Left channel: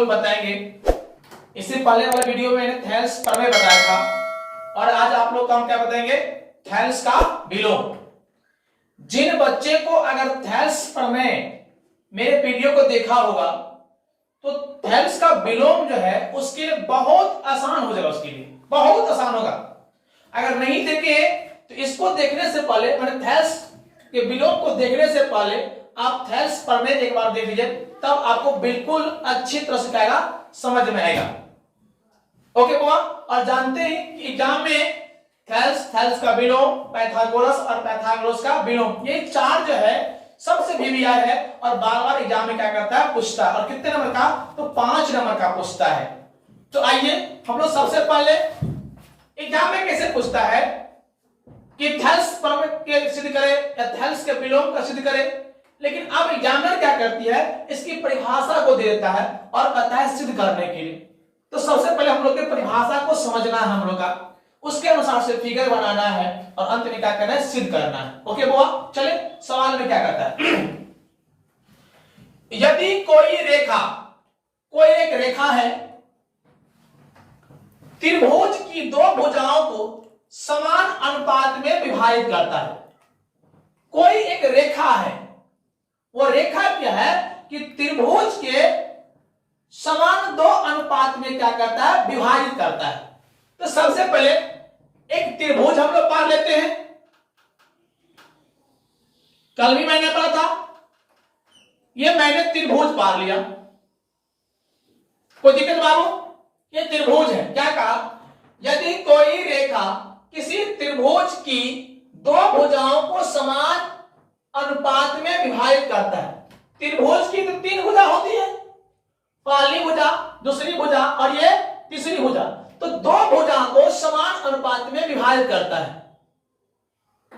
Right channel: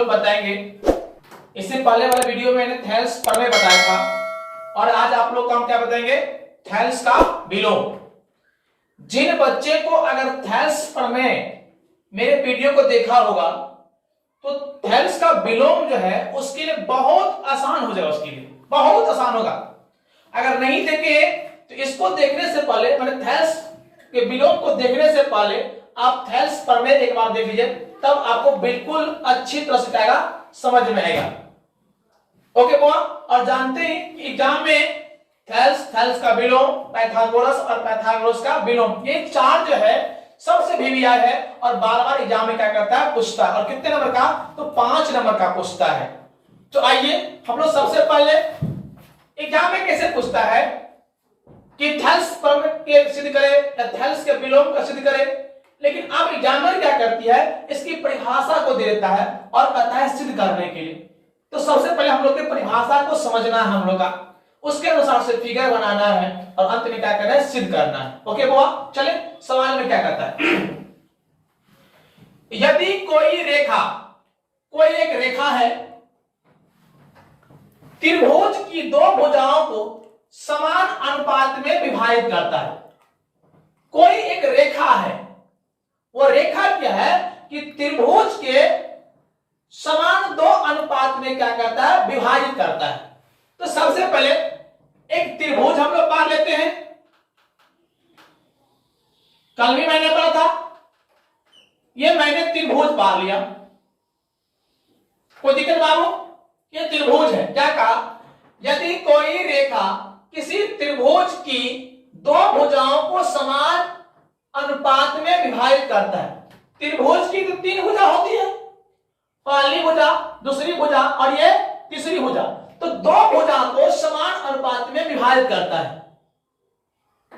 विलोम बताएंगे। इससे पहले वाले वीडियो में मैंने थेल्स प्रमेय बताया था और आज आप लोग का हम क्या बताएंगे, थेल्स का विलोम। जिन बच्चे को अगर थेल्स प्रमेय मेरे वीडियो को देखा होगा तो थेल्स का विलोम जो है उसके लिए बहुत आसान हो जाएगा, उसके लिए बहुत आसान होगा। अगर नहीं देखे तो इसको देखने से पहले, मैंने थेल्स के विलोम को देखने से पहले आप थेल्स प्रमेय एक बार देख लीजिए, तब आपको बिल्कुल अच्छी तरह से आएगा, समझ में आएगा। ओके बुआ, और जानते हैं कि एग्जाम में थेल्स का विलोम, पाइथागोरस और पाइथागोरस का विलोम, ये चार जो है सबसे VVI है और बार बार एग्जाम में क्या करता है, पूछता है। और कितने नंबर का, तो 5 नंबर का पूछता है। तो आइए हम लोग सबसे पहले एग्जाम में कैसे पूछता है कि थेल्स प्रमेय के सिद्ध करे या थेल्स के विलोम का सिद्ध करे, लेकिन अब एग्जामिनर क्या करती है, इसकी परिभाषा को दे देता है और कहता है सिद्ध करने के लिए। तो सबसे पहले हम लोग की परिभाषा को समझना है हम लोग का, उसके अनुसार से फिगर बनाना है और अंत में क्या करना है, सिद्ध करना है। ओके बुआ, चलिए सवाल में क्या कहता है। यदि कोई एक रेखा है, त्रिभुज की दो भुजाओं को समान अनुपात में विभाजित करता है। कोई एक रेखा है, वो रेखा क्या है कि त्रिभुज के समान दो अनुपात में क्या करता है, विभाजित करता है। तो सबसे पहले एक त्रिभुज हम लोग पढ़ लेते हैं, कल भी मैंने पढ़ा था, ये मैंने त्रिभुज पढ़ लिया, कोई दिक्कत बाबू, ये त्रिभुज है। क्या कहा, यदि कोई रेखा किसी त्रिभुज की दो भुजाओं को समान अनुपात में विभाजित करता है। त्रिभुज की तो 3 भुजा होती है, पहली भुजा, दूसरी भुजा और ये तीसरी भुजा, तो दो भुजा को समान अनुपात में विभाजित करता है।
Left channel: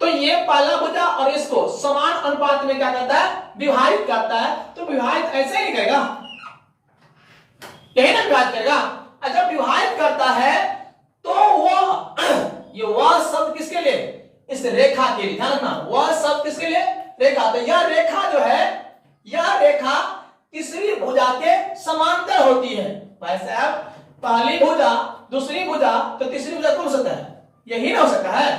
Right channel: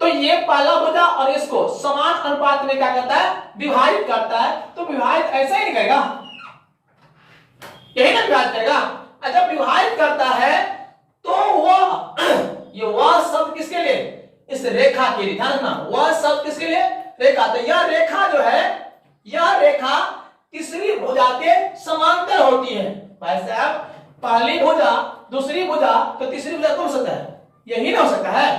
तो ये पहला भुजा और इसको समान अनुपात में क्या करता है, विभाजित करता है। तो विभाजित ऐसे ही करेगा, यही ना विभाजित करेगा। जब विभाजित करता है तो वह शब्द किसके लिए, इस रेखा के लिए, ध्यान रखना, वह शब्द किसके लिए, रेखा। तो यह रेखा जो है, यह रेखा तीसरी भुजा के समांतर होती है। भाई साहब, पहली भुजा, दूसरी भुजा, तो तीसरी भुजा कौन हो सकता है, यही ना हो सकता है।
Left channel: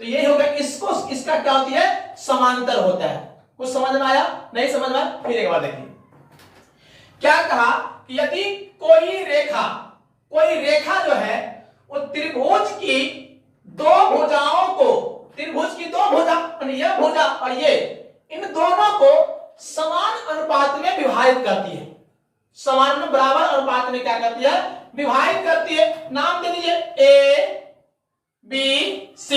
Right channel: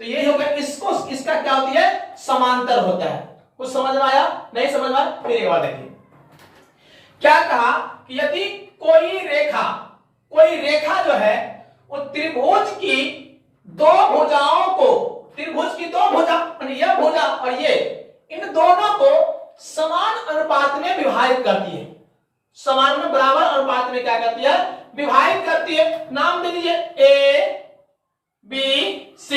तो यही होगा, इसको इसका क्या होती है, समांतर होता है। कुछ समझ में आया, नहीं समझ में आया, फिर एक बार देखिए क्या कहा कि यदि कोई रेखा जो है वो त्रिभुज की दो भुजाओं को, त्रिभुज की दो भुजा, यह भुजा और ये, इन दोनों को समान अनुपात में विभाजित करती है। समान में बराबर अनुपात में क्या करती है, विभाजित करती है। नाम दे दीजिए A B C,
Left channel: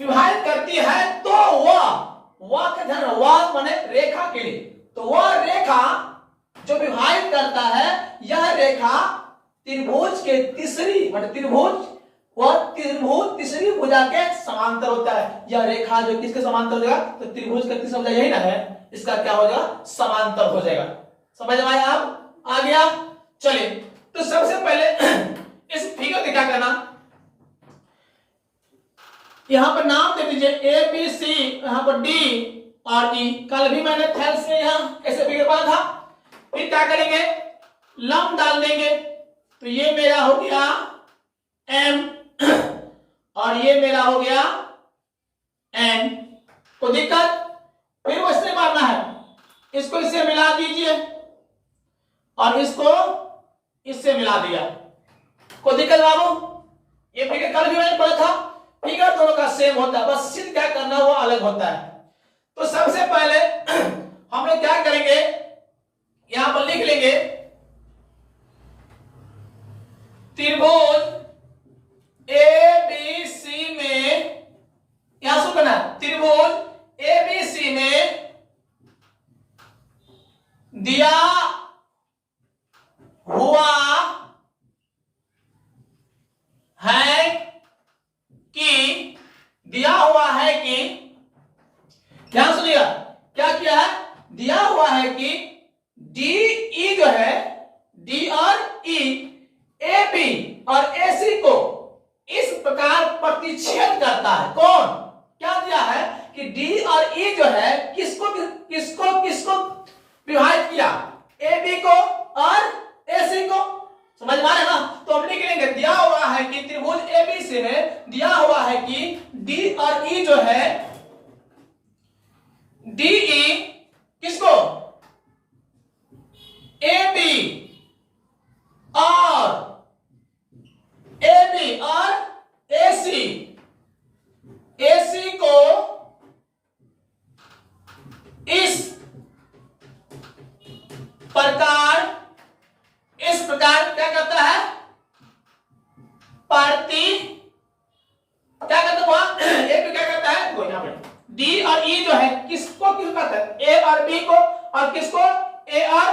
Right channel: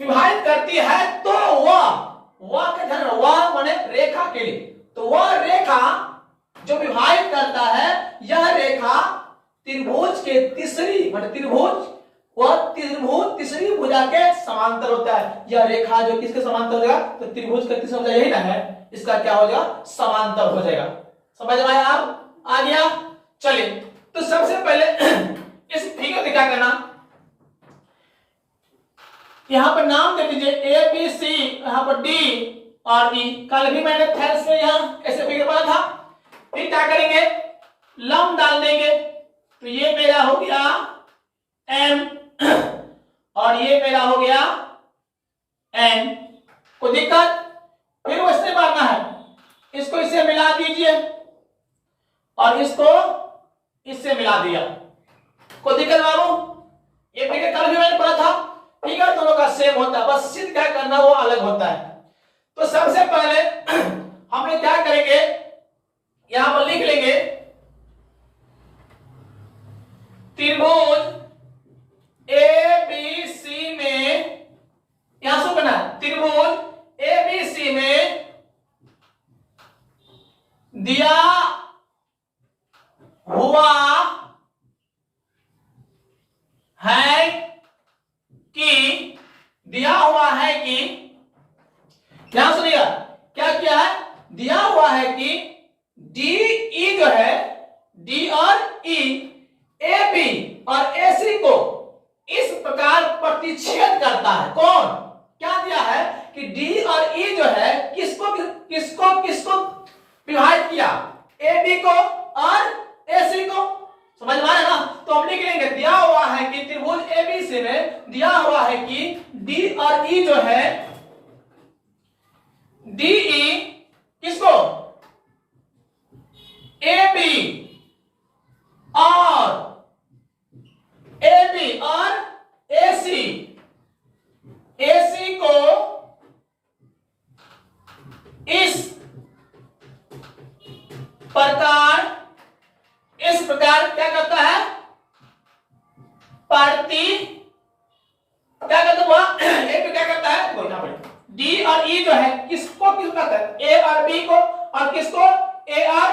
विभाजित करती है। तो वह का ध्यान, वह माने रेखा के लिए, तो वह रेखा जो विभाजित करता है, यह रेखा त्रिभुज के तीसरी, मतलब त्रिभुज तीसरी भुजा के समांतर होता है। यह रेखा जो किसके समांतर हो जाएगा, तो त्रिभुज का तीसरा भुजा यही ना है, इसका क्या हो जाएगा, समांतर हो जाएगा। समझ में आया, आप आ गया। चलिए, तो सबसे पहले इस फिगर में क्या करना, यहां पर नाम दे दीजिए A B C, यहां पर D और E। कल भी मैंने थेल्स में यहां ऐसे फिगर पढ़ा था। फिर क्या करेंगे, लंब डाल देंगे। तो ये मेरा हो गया M और ये मेरा हो गया N। कोई दिक्कत, फिर वैसे मारना है, इसको इससे मिला दीजिए और इसको इससे मिला दिया। कोई दिक्कत बाबू, ये फिगर कल भी मैंने पढ़ा था, फिगर दोनों का सेम होता है, बस सिद्ध क्या करना वो अलग होता है। तो सबसे पहले हम लोग क्या करेंगे, यहां पर लिख लेंगे त्रिभुज ABC में, यहां से करना, त्रिभुज ABC में दिया हुआ है कि ध्यान सुनिएगा, क्या किया है, दिया हुआ है कि DE जो है, D और E AB और AC को इस प्रकार प्रतिच्छेद करता है। कौन, क्या दिया है कि D और E जो है किसको विभाजित किया, AB को और AC को। समझ में आया ना? तो हम लिख लेंगे दिया हुआ है कि त्रिभुज ABC में दिया हुआ है कि D और E जो है, DE किसको? AB और AC, AC को इस प्रकार क्या करता है? क्या करता हुआ ए क्या करता है? देखो यहां पर डी और ई जो है किसको किस करता है? ए और बी को, और किसको? ए और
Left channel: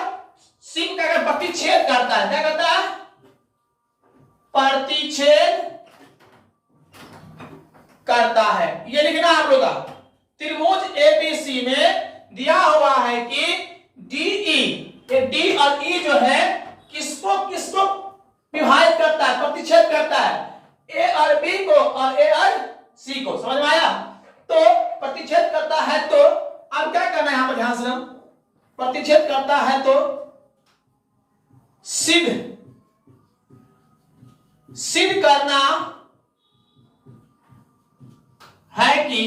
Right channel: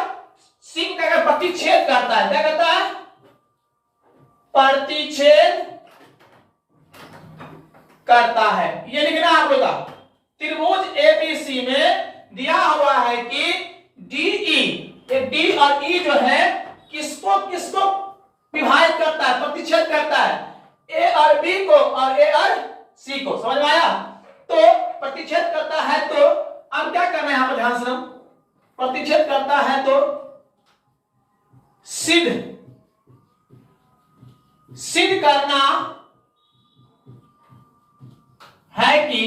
सी को क्या करता है? प्रतिच्छेद करता है। क्या करता है? प्रतिच्छेद करता है। ये लिखना आप लोग का। त्रिभुज एबीसी में दिया हुआ है कि डीई, ये डी और ई जो है किसको किसको विभाजित करता है? प्रतिच्छेद करता है। ए और बी को और ए और सी को। समझ में आया? तो प्रतिच्छेद करता है तो अब क्या करना है यहां पर ध्यान से? हम प्रतिच्छेद करता है तो सिद्ध करना है कि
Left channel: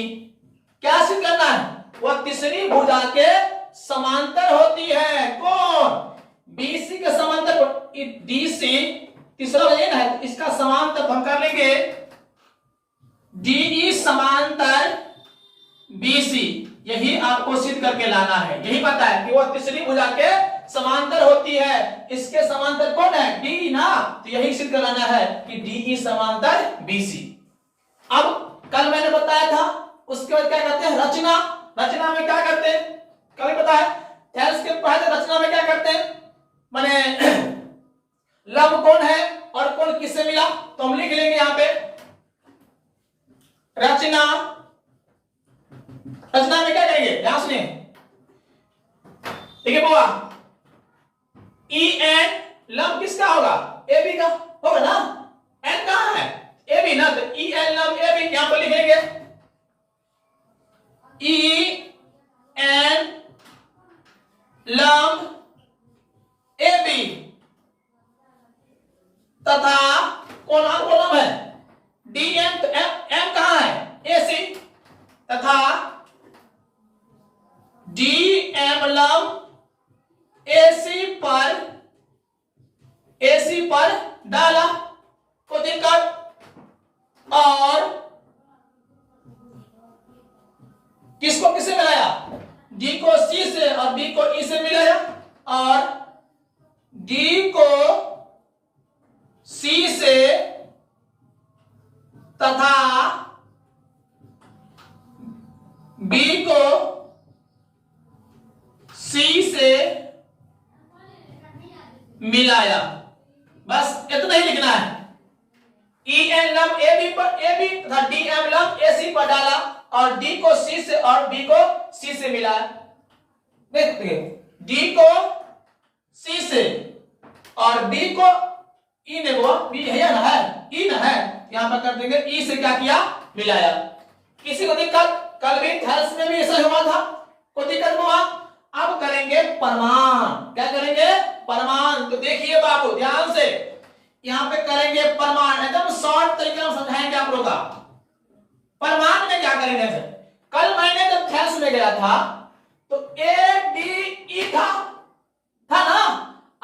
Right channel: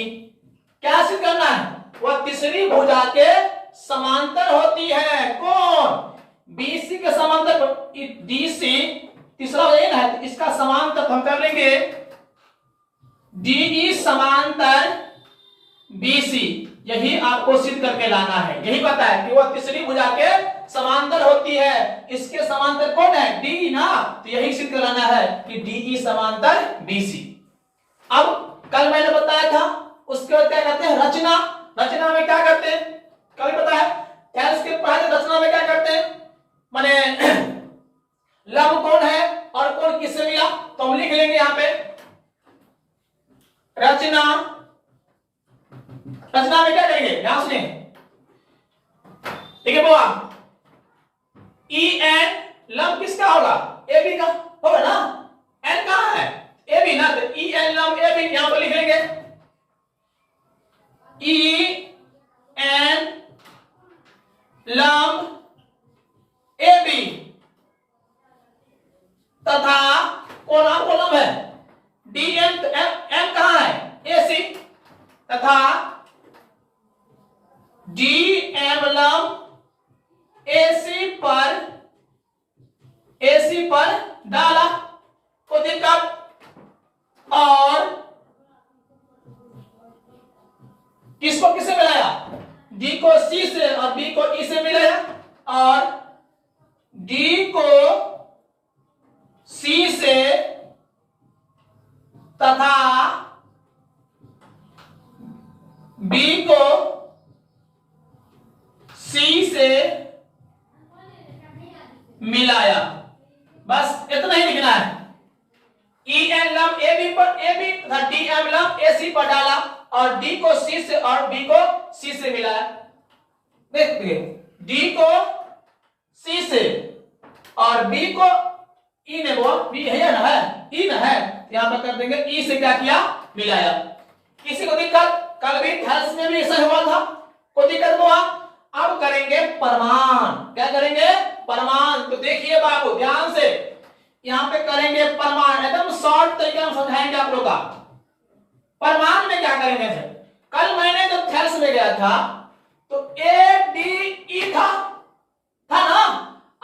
क्या सिद्ध करना है? वह तीसरी भुजा के समांतर होती है। कौन? बीसी के समांतर। डीसी तीसरा वजन है तो इसका समांतर तो हम कर लेंगे डीई समांतर बीसी। यही आपको सिद्ध करके लाना है। यही पता है कि वह तीसरी भुजा के समांतर होती है। इसके समांतर कौन है? डी ना। तो यही सिद्ध कराना है कि डीई समांतर बीसी। अब कल मैंने बताया था, उसके बाद क्या करते हैं? रचना। रचना में क्या करते हैं? कल पता है टेंस के पहले रचना में क्या करते हैं? माने लंब कौन है और कौन किससे मिला? तो हम लिख लेंगे यहां पे रचना। रचना में क्या करेंगे? ध्यान सुनिए, ठीक है बुआ? ई एन लंब किसका होगा? ए बी का होगा ना। एन कहां है? ए बी ना। तो ई एन लंब ए बी यहां पर लिखेंगे। ई एन लंब ए बी तथा कौन लंब है? D M. तो एम कहां है? ए सी। तथा डी एम लंब एसी पर डाला को दिक्कत। और किसको किससे मिलाया? डी को सी से और बी को ई से मिलाया, और डी को सी से तथा बी को सी से मिलाया। बस इतना ही लिखना है। ई एन लंब ए बी पर ए बी तथा डी एम लंब ए सी पर डाला, और डी को सी से और बी को सी से मिलाया। देखिए डी को सी से और बी को ई ने, वो बी है ना, है ई ना है, यहां पर कर देंगे ई से क्या किया? मिलाया। किसी को दिक्कत? कल भी थर्स में भी ऐसा हुआ था, कोई दिक्कत हुआ? अब करेंगे प्रमाण। क्या करेंगे? प्रमाण। तो देखिए बाबू ध्यान से, यहां पे करेंगे प्रमाण। एकदम शॉर्ट तरीके में समझाएंगे आप लोग का। प्रमाण में क्या करेंगे? कल मैंने जब थर्स में गया था तो ए डी ई था ना।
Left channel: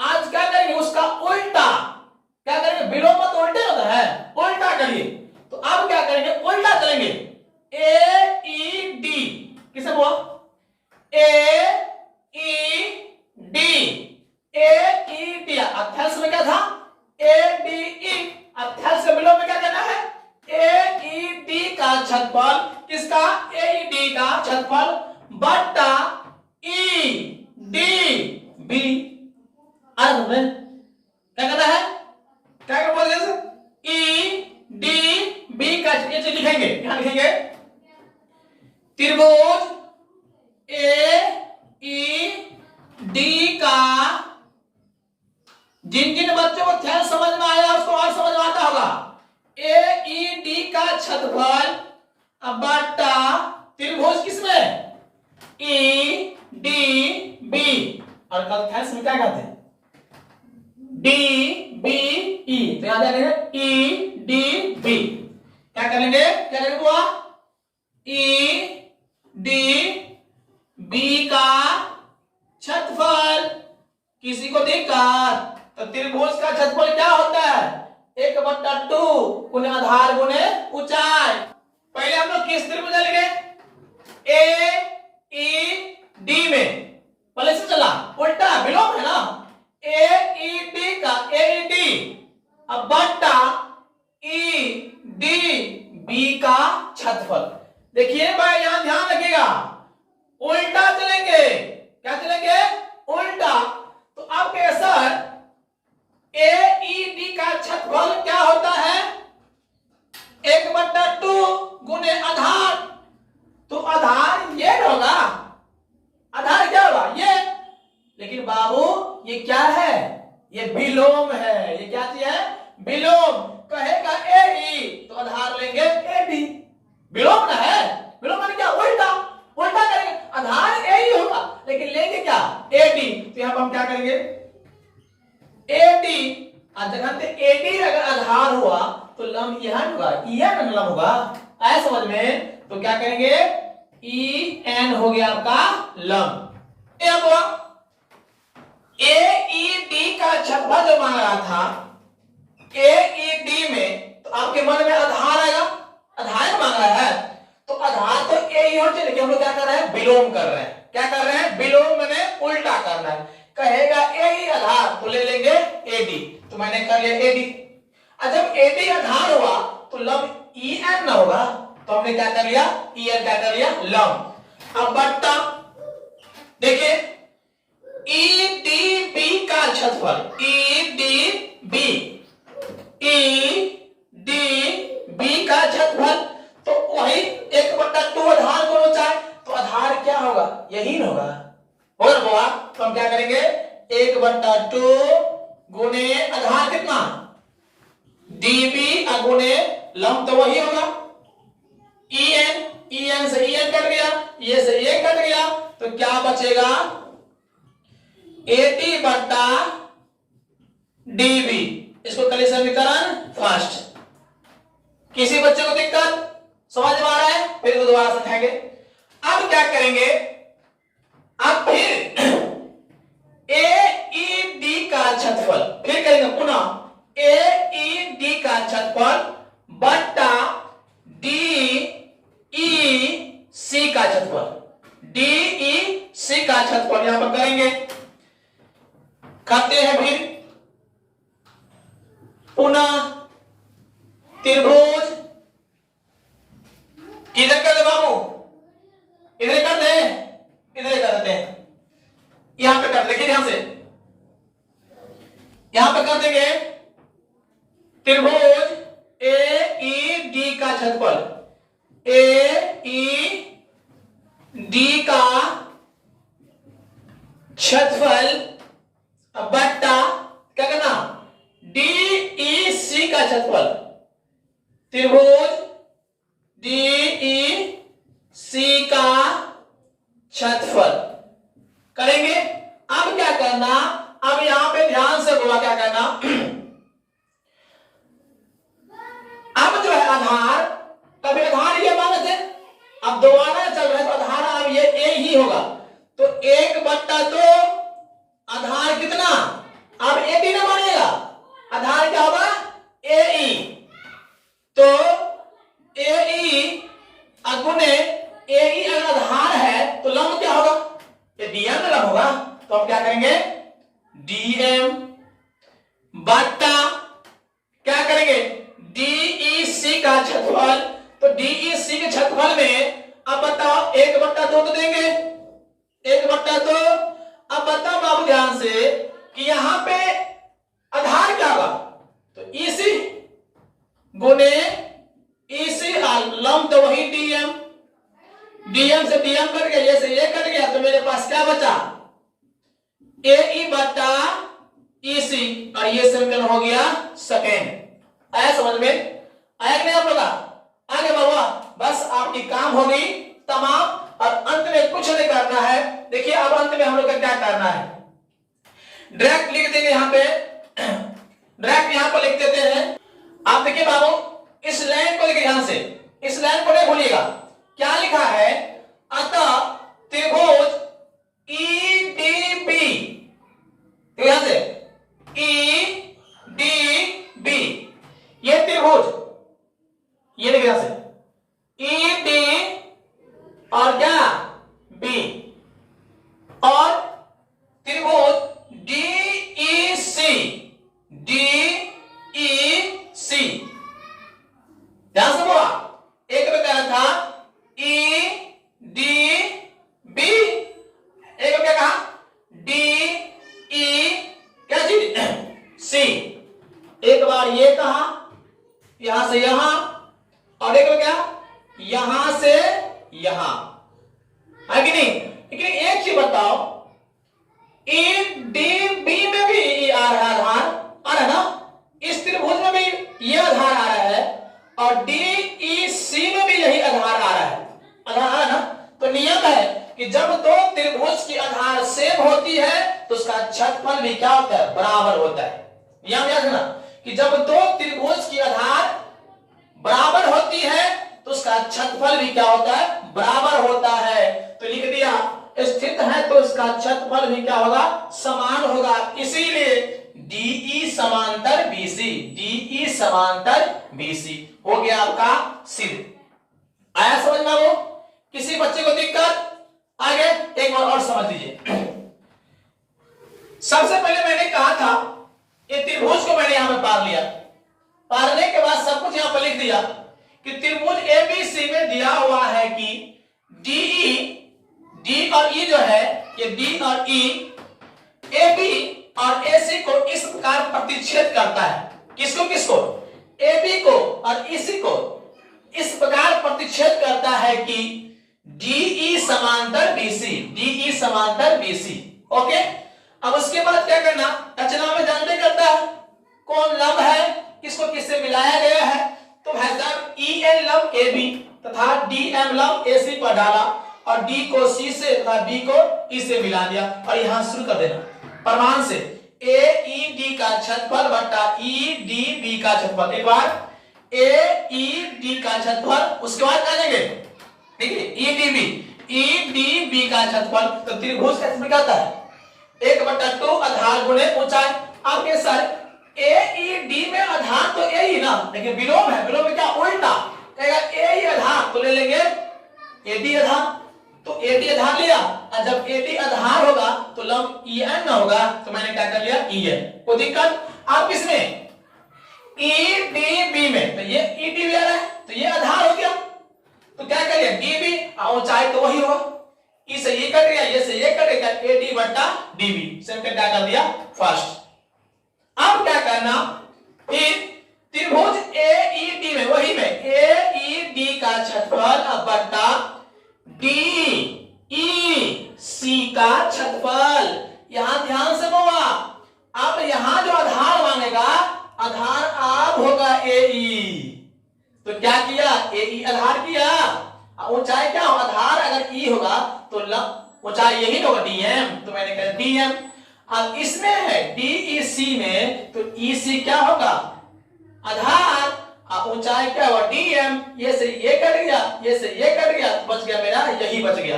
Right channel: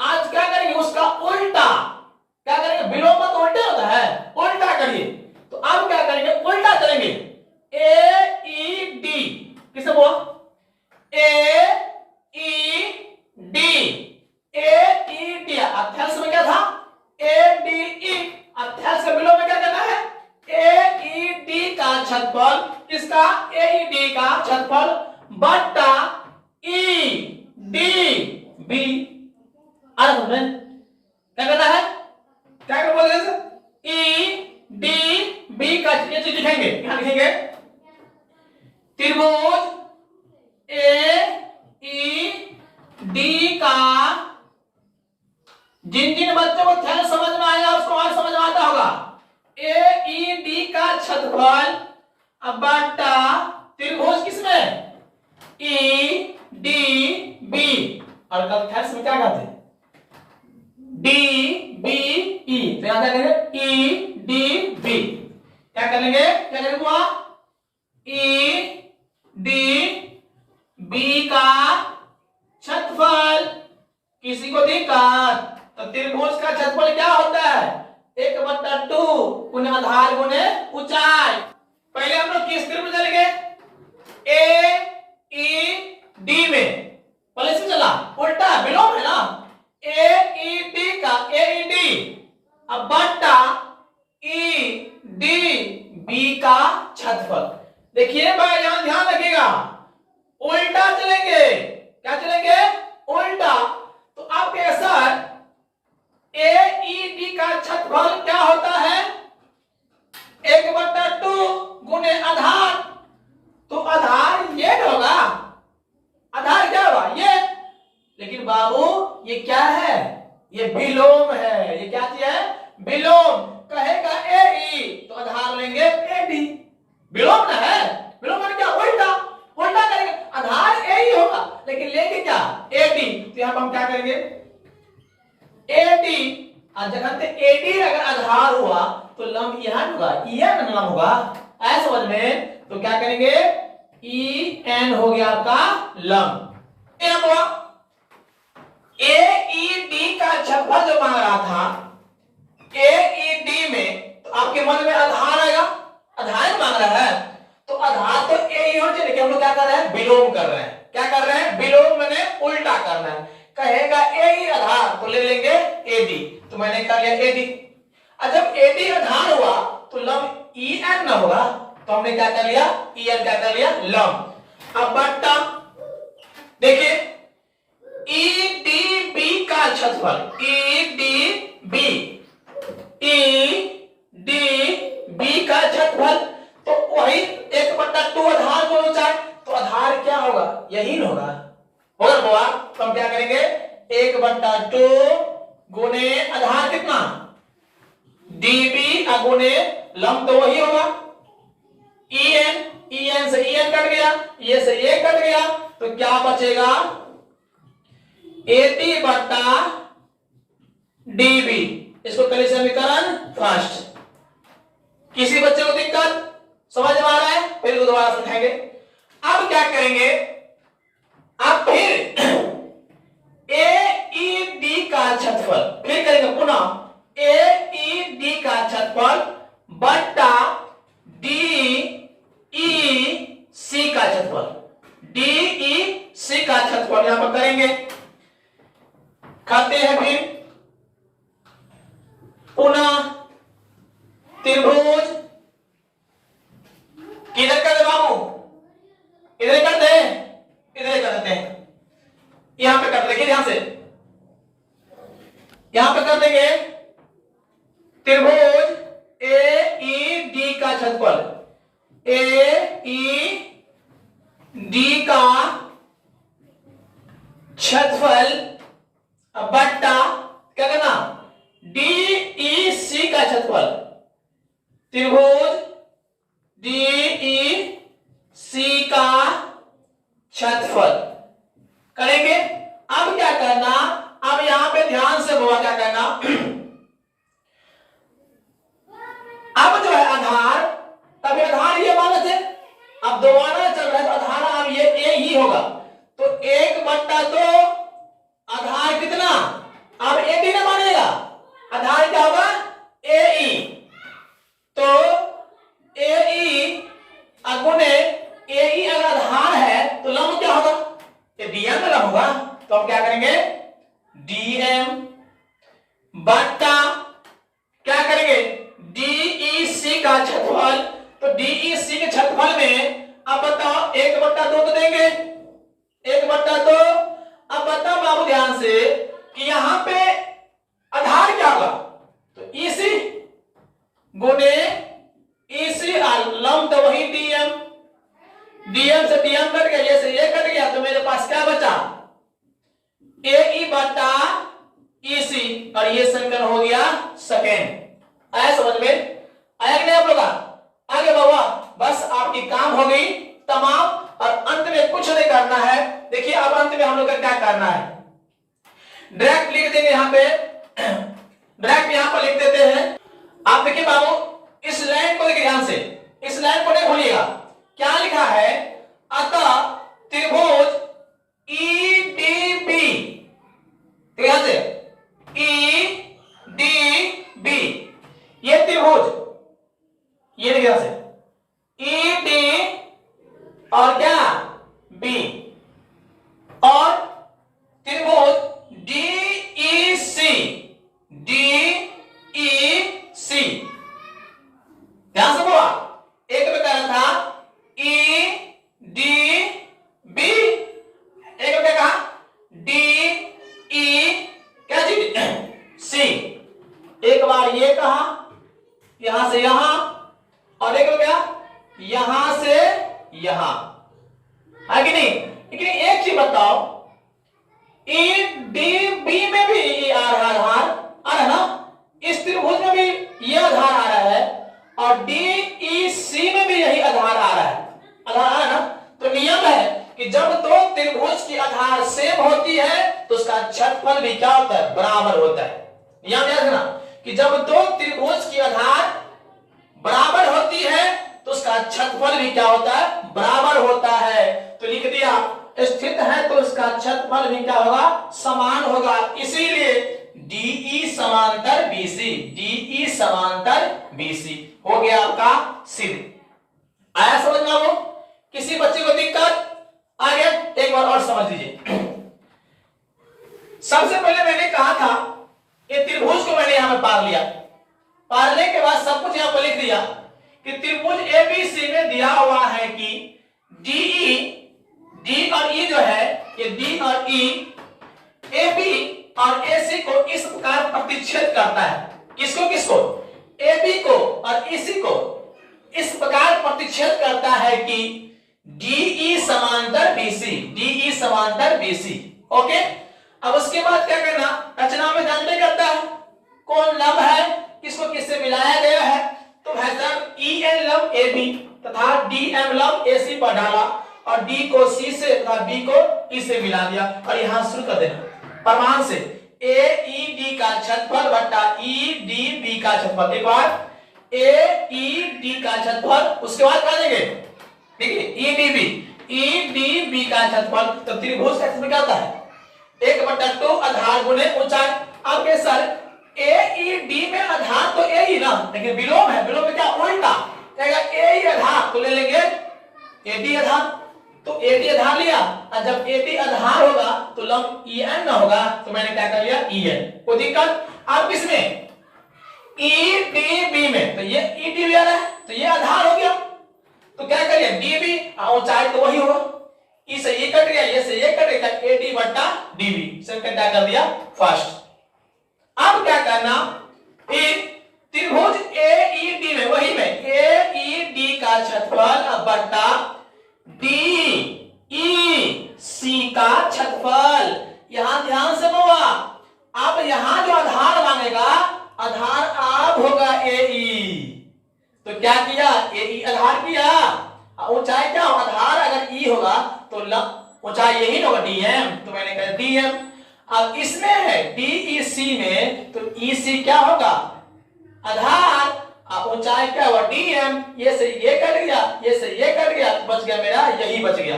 आज क्या करेंगे? उसका उल्टा। क्या करेंगे? विलोम तो उल्टे होता है, उल्टा करिए। तो अब क्या करेंगे? उल्टा करेंगे। ए ई डी किसे बोला? ए ई डी। ए ई डी अथेल्स में क्या था? A D E. अथेल्स के विलोम में क्या करना है? ए ई डी का छेदफल, किसका? ए ई डी का छेदफल बट्टा ई डी बी। अर्थ में क्या करना है? क्या बोलेंगे सर? ई डी बी का ये चीज लिखेंगे। यहां लिखेंगे त्रिभुज ए ई डी का, जिन जिन बच्चों को ध्यान समझ में आया उसको और समझ में आता होगा, ए ई डी का छेदफल बट्टा त्रिभुज किसमें? E D B. और कल थैल्स में क्या कहते हैं? डी बी ई, तो यहां क्या करेंगे ई डी बी, क्या कर लेंगे, क्या करेंगे बुआ, ई डी बी का छतफल, किसी को दिक्कत, तो त्रिभुज का छतफल क्या होता है, 1/2 गुने आधार गुने ऊंचाई। पहले हम लोग किस त्रिभुज चलेंगे, ए ई डी में, पहले से चला उल्टा विलोम है ना, ए ई डी का ए ई डी, अब बट्टा ई डी बी का छतफल। देखिए भाई यहां ध्यान रखिएगा, उल्टा चलेंगे, क्या चलेंगे, उल्टा, तो आपके सर ए ई डी का छतफल क्या होता है, 1/2 गुने आधार, तो आधार ये होगा, आधार क्या होगा ये, लेकिन बाबू ये क्या है, ये विलोम है, ये क्या चीज है, विलोम, कहेगा ए ई तो आधार लेंगे ए डी, विलोम ना है, विलोम माने क्या, उल्टा, उल्टा करेंगे, आधार ए ही होगा लेकिन लेंगे क्या, ए डी, तो यहां पर हम क्या करेंगे, ए डी, जगह पे ए डी अगर आधार हुआ तो लंब यहां होगा, ई एन लंब होगा, ऐसा समझ में, तो क्या करेंगे, ई एन हो गया आपका लंब, ए हुआ, ए ई डी का छतफल जो मांग रहा था ए ई डी में, तो आपके मन में आधार आएगा, आधार मांग रहा है, तो आधार तो ए ही होना चाहिए, लेकिन हम लोग क्या कर रहे हैं, विलोम कर रहे हैं, क्या कर रहे हैं, विलोम मैंने उल्टा करना है, कहेगा ए ही आधार तो ले लेंगे ए डी, तो मैंने कर लिया ए डी, और जब ए डी आधार हुआ तो लंब ई एन ना होगा, तो हमने क्या कर लिया, ई एन क्या कर लिया लंब, अब बट्टा, देखिए ई डी बी का छतफल, E D B, E D B का छतफल, तो वही 1/2 आधार गुना ऊंचाई, तो आधार क्या होगा, यही होगा, होगा बाबा, तो हम क्या करेंगे, 1/2 गुने आधार कितना, डीबी गुने लंब, तो वही होगा ई एन से ई एन कट गया, ये से ये कट गया, तो क्या बचेगा, एटी बट्टा डीबी, इसको करें समीकरण फर्स्ट, किसी बच्चे को दिक्कत समझ में आ रहा है, फिर दोबारा समझाएंगे। अब क्या करेंगे, अब फिर ए ई डी का छतफल, फिर करेंगे पुनः ए ई डी का छतफल बट्टा डी ई सी का छतफल, डी ई सी का छतफल यहां पर करेंगे, करते हैं फिर पुनः त्रिभुज, किधर कर दे बाबू, इधर कर दे, इधर कर देते हैं, यहां पे कर देखिए ध्यान से, यहां पे कर देंगे त्रिभुज ए ई डी का छतफल, ए ई डी का छतफल बट्टा क्या करना, डी ई सी का छतफल, त्रिभुज डी ई सी का छतफल करेंगे। अब क्या करना, अब यहां पे ध्यान से बोला क्या करना, अब जो है आधार, तभी आधार ये माने थे, अब दोबारा चल रहा है तो आधार अब ये ए ही होगा, तो 1/2 आधार कितना, अब ए डी ना मानेगा, आधार क्या होगा ए ई, तो ए ई गुने ए ई अगर आधार है तो लंब क्या होगा, ये डीएम में लंब होगा, तो हम क्या करेंगे डीएम बट्टा क्या करेंगे डीई सी का छतफल, तो डीई सी के छतफल में अब बताओ 1/2 तो देंगे, 1/2, अब बताओ बाबू ध्यान से कि यहां पे आधार क्या होगा, तो ईसी गुने ईसी लंब, तो वही डीएम, डीएम से डीएम कट गया, ये से ये कट गया, तो मेरे पास क्या बचा ए ई बट्टा ईसी, और ये समीकरण हो गया सेकेंड। आया समझ में, आया कि नहीं आप लोग, आगे बाबा, बस आपकी काम हो गई तमाम, और अंत में कुछ नहीं करना है। देखिए अब अंत में हम लोग का क्या करना है, डायरेक्ट लिख देंगे यहां पे डायरेक्ट यहां पर लिख देते हैं। आप देखिए बाबू, इस लाइन को देखिए ध्यान से, इस लाइन को नहीं भूलिएगा। क्या लिखा है? अतः त्रिभुज ईडीबी, ध्यान से, ईडीबी, ये त्रिभुज, ये देखिए ध्यान से, ईडी और क्या बी, और त्रिभुज डीईसी, डीईसी, ध्यान से बोला। एक में कहना था ई डी बी, एक में क्या कहा? डी ई क्या चीज सी। एक बार ये कहा यहां से यहां, और एक में क्या? यहां से यहां, है कि नहीं? लेकिन एक चीज बताओ, ई डी बी में भी ये आ रहा है, आधार आ रहा है ना, इस त्रिभुज में भी ये आधार आ रहा है, और डीईसी में भी यही आधार आ रहा है, आधार आ रहा है ना। तो नियम है कि जब दो त्रिभुज की आधार सेम होती है तो उसका छठफल भी क्या होता है? बराबर होता है। यहां याद रखना कि जब दो त्रिभुज की आधार बराबर होती है तो उसका छठफल भी क्या होता है? बराबर होता है। तो लिख दिया, स्थित है तो उसका छठफल भी क्या होगा? समान होगा। इसीलिए डीई समांतर बीसी, डीई समांतर बीसी हो गया आपका सिद्ध। आया समझ में? वो किसी बच्चे को दिक्कत? आगे एक बार और समझ लीजिए। सबसे पहले मैंने कहा था ये त्रिभुज को मैंने यहां में पार लिया, पारने के बाद सब कुछ यहां पर लिख दिया कि त्रिभुज एबीसी में दिया हुआ है कि डीई, डी और ई जो है, ये डी और ई एबी और एसी को इस प्रकार प्रतिच्छेद करता है। किसको किसको? एबी को और इसी को इस प्रकार प्रतिच्छेद करता है कि डीई समांतर बीसी, डीई समांतर बीसी। ओके, अब उसके बाद क्या करना? रचना में जानते करता है कौन लंब है, किसको किससे मिलाया गया है। तो भाई साहब ई ए लंब ए बी तथा डी एम लंब ए सी पर डाला, और डी को सी से तथा बी को ई से मिला दिया, और यहां शुरू कर देना प्रमाण से ए ई डी का छठफल बट्टा ई डी बी का छठफल। एक बार ए ई डी का छठफल, उसके बाद कहा जाएंगे ठीक है E D B, E D B का छठफल। तो त्रिभुज का इसमें क्या होता है? 1/2 आधार गुणे ऊंचाई। आपके सर ए ई डी में आधार तो ए ही ना, लेकिन विलोम है, विलोम में क्या उल्टा कहेगा? ए ही आधार तो ले लेंगे ए डी आधार, तो ए डी आधार लिया, और जब ए डी आधार होगा तो लंब ई एन ना होगा, तो मैंने क्या कर लिया? E N. कोई दिक्कत? आप इसमें ई डी बी में, तो ये ई डी बी आ रहा है तो ये आधार हो गया, तो क्या करिए? डी बी ऊंचाई तो वही होगा, ई से ये कट गया, ये से ये कट गया, ए डी बट्टा डी बी से क्या कर दिया? फर्स्ट। अब क्या करना? त्रिभुज ए ई डी में, वही में ए ई डी का छठफल बट्टा डी ई सी का छठफल। यहां ध्यान से बोला, अब यहां जो आधार मांगेगा, आधार आप होगा ए ई, तो क्या किया? ए ई आधार किया, ऊंचाई क्या हो? आधार अगर ई होगा तो ऊंचाई यही होगा डी एम, तो मैंने कहा डी एम। अब इसमें है डीईसी में, तो ईसी क्या होगा? आधार, ऊंचाई क्या हुआ? डीएम। ये से ये कट गया, ये से ये कट गया, बच गया मेरा यही बच गया।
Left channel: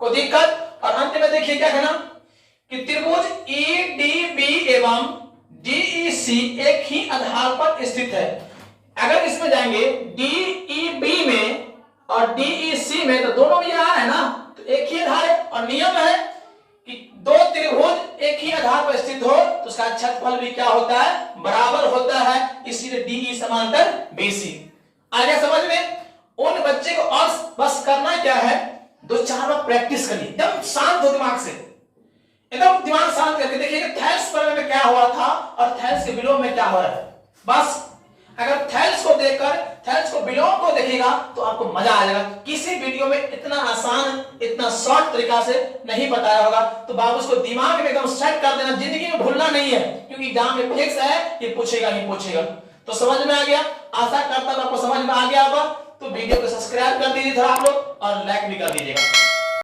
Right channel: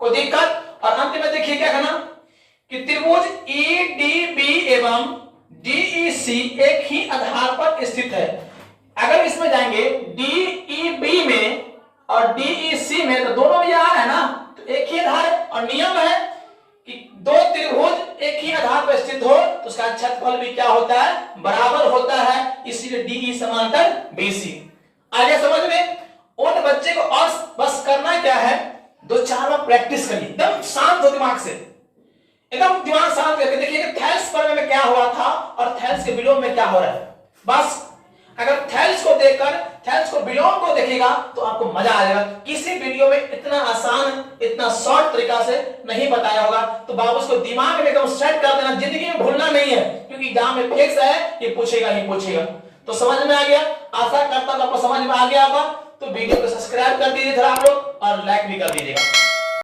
कोई दिक्कत? और अंत में देखिए क्या करना कि त्रिभुज ईडीबी एवं डीईसी एक ही आधार पर स्थित है। अगर इसमें जाएंगे डीईबी में और डीईसी में, तो दोनों में आ रहा है ना, तो एक ही आधार है, और नियम है कि दो त्रिभुज एक ही आधार पर स्थित हो तो उसका छठफल भी क्या होता है? बराबर होता है। इसीलिए डीई समांतर बीसी। आगे समझ में? उन बच्चे को और बस करना क्या है? 2-4 बार प्रैक्टिस करिए, एकदम शांत हो दिमाग से, एकदम दिमाग शांत करके देखिए थैल्स पर में क्या हुआ था और थैल्स के विलोम में क्या हो रहा है। बस अगर थैल्स को देखकर थैल्स को विलोम को देखेगा तो आपको मजा आ जाएगा। किसी वीडियो में इतना आसान, इतना शॉर्ट तरीका से नहीं बताया होगा, तो बाबू उसको दिमाग में एकदम सेट कर देना, जिंदगी में भूलना नहीं है, क्योंकि एग्जाम में फिक्स है, ये पूछेगा ही पूछेगा। तो समझ में आ गया? आशा करता हूं आपको समझ में आ गया होगा। तो वीडियो को सब्सक्राइब कर दीजिए आप लोग, और लाइक भी कर दीजिएगा।